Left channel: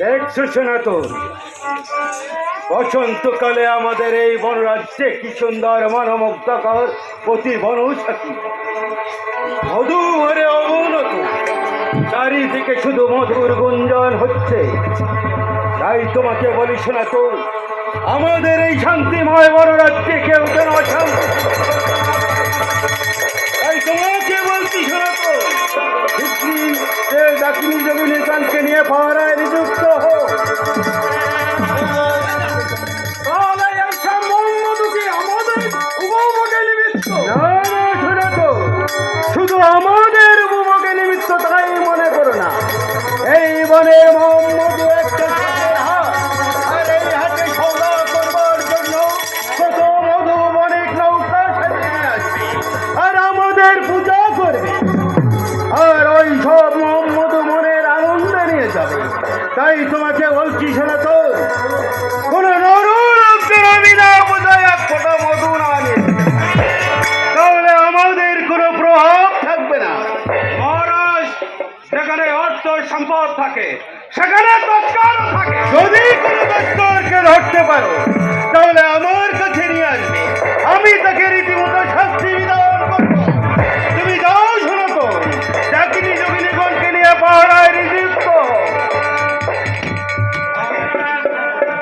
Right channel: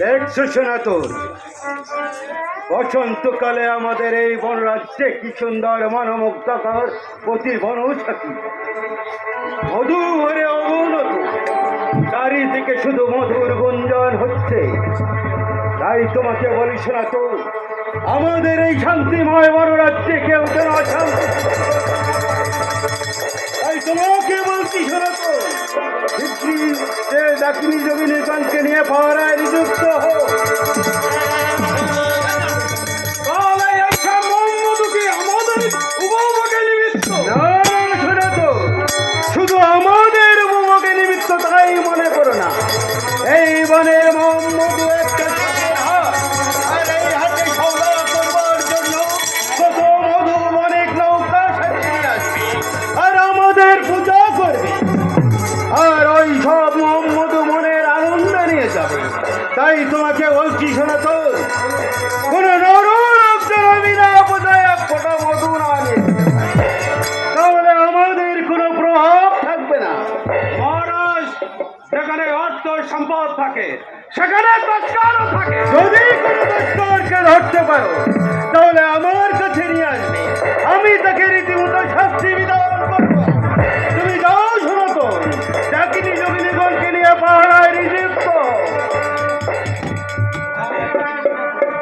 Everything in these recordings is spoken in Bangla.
দেখছো সনাতন, বসন্তকালে আমাদের এই বনরাজ্যে কি সুন্দর মনোমুগ্ধকর প্রতি বনৌষধি, মধু ভরে অবনত, চারিদিকে শুধু মধুর গুঞ্জন হচ্ছে। তাই তোমাকে বলি সনাতন, আমাদের এই শান্তিময় বনরাজ্যে কেউ যেন অশান্তি। তাই তোমাকে বলছি সনাতন, ডাকিনী যোগিনী কানকে নিয়ে পাহারায় নিযুক্ত হোক। শুধু আমাদের উপভোগে নিমিত্ত তাই মনে করো না। এই বনে মধু একটা হাতের হাত, আর এই হাতে সৌদা করবার জন্য কত মধু অনেক নৌকা সাজিয়ে আসবে আর আমাদের পূজা করবে, আর ওই সব মধু মনের আনন্দ নিয়ে যাবে। তাই তোমাকে বলছি সনাতন, কোন নরলোকদের বিনা পূজায় এক ফোঁটা মধু না নিয়ে, তাহলে আমাদের কোনো প্রভাব থাকবে না। মহারাজ, যেখানে অর্থ সম্পদ থাকে সেখানে তস্করও থাকে। যদি কোনো তস্করকে ধরতে পারো তাহলে আমার কাছে নিয়ে আসবে, আমি তাকে রীতিমতো শাস্তি বিধান করব। তুমি যাও সনাতন, ডাকিনী যোগিনীগণকে নিয়ে পাহারায় নিযুক্ত।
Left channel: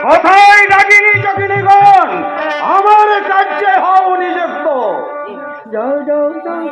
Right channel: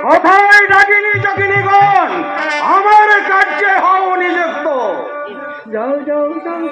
কোথায় ডাকিনী যোগিনীগণ? আমার কার্যে হও নিযুক্ত। যাও যাও যাও